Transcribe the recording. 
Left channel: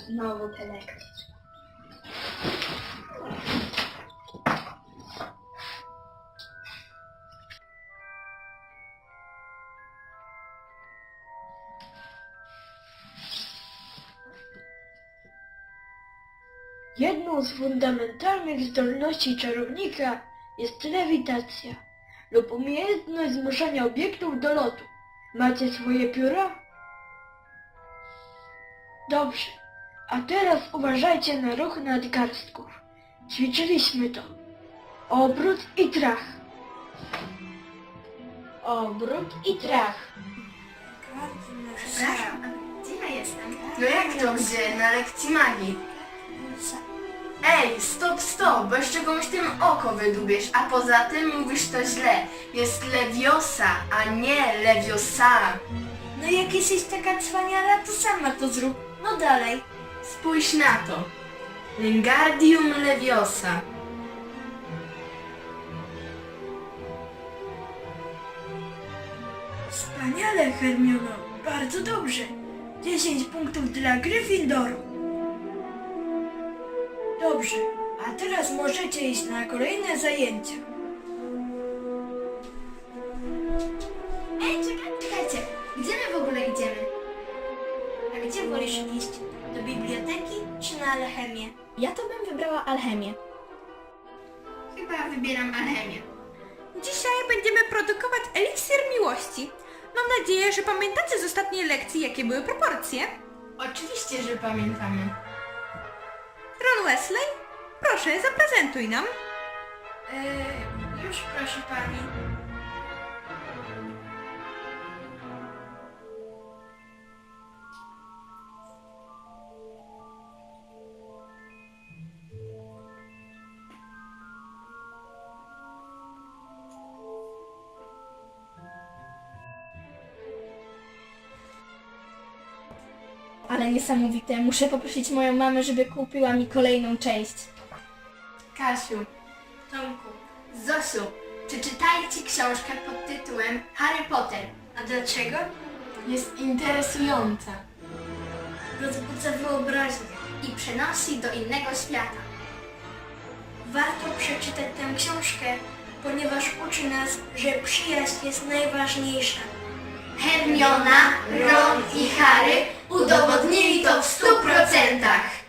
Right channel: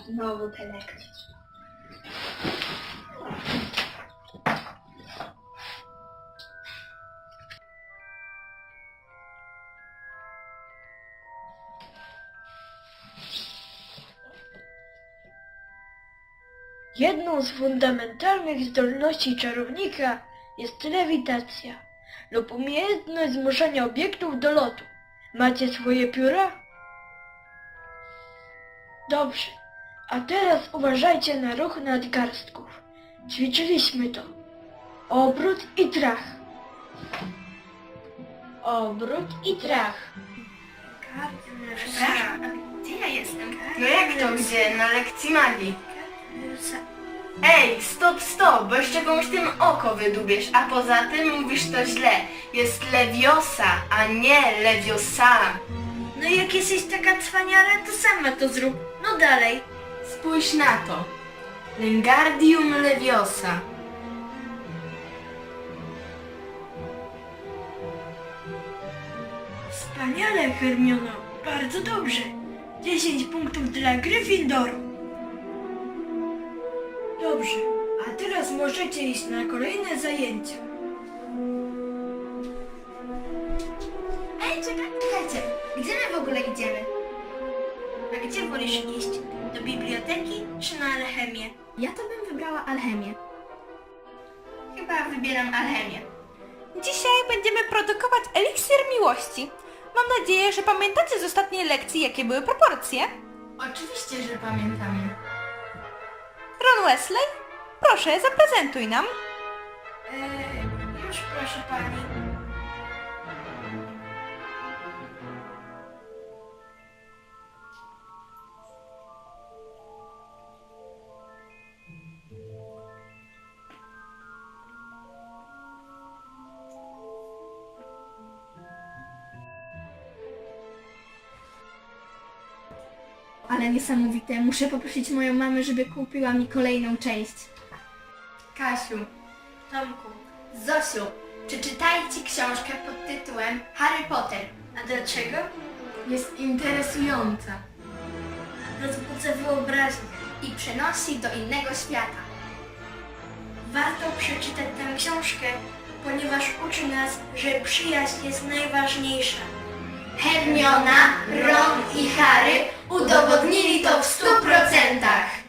znowu te lekcje. Jedną z fundamentalnych zdolności czarownika jest lewitacja lub umiejętność zmuszania obiektów do lotu. Macie swoje pióra? Dobrze, a teraz uważajcie na ruch nadgarstków. Ćwiczyliśmy to. Obrót i trach. Obrót i trach. Przepraszam, a gdzie ja jestem? No jak to gdzie? Na lekcji magii. Ej, stop, stop, bo jeszcze komuś tym oko wydubiesz, a poza tym mówisz to źle. Jest lewiosa, a nie lewiosa. No jak jesteś taka cwaniara, to sama to zrób. No dalej. Spójrz na to. Wingardium leviosa. Wspaniale, Hermiono. Bardzo dobrze. 10 punktów dla Gryffindoru. Dobrze, a teraz możecie iść na kolejne zajęcia. Wolisz iść? Do biblioteki czy na alchemię? Ja to bym wybrała alchemię. Chyba wybieram alchemię. Dzisiaj będziemy produkować eliksir miłości. Mam nadzieję, że pamiętacie z ostatniej lekcji, jakie były proporcje. Oczywiście, że pamiętamy. Ron Wesley, proszę, zaprezentuj nam. Eee, już proszę pani. Ale niesamowite. Muszę poprosić moją mamę, żeby kupiła mi kolejną część. Kasiu, Tomku, Zosiu, czy czytajcie książkę pod tytułem Harry Potter? a dlaczego? Jest interesująca. Rozbudza wyobraźnię I przenosi do innego świata. Warto przeczytać tę książkę, ponieważ uczy nas, że przyjaźń jest najważniejsza. Hermiona, Ron i Harry udowodnili to w stu procentach.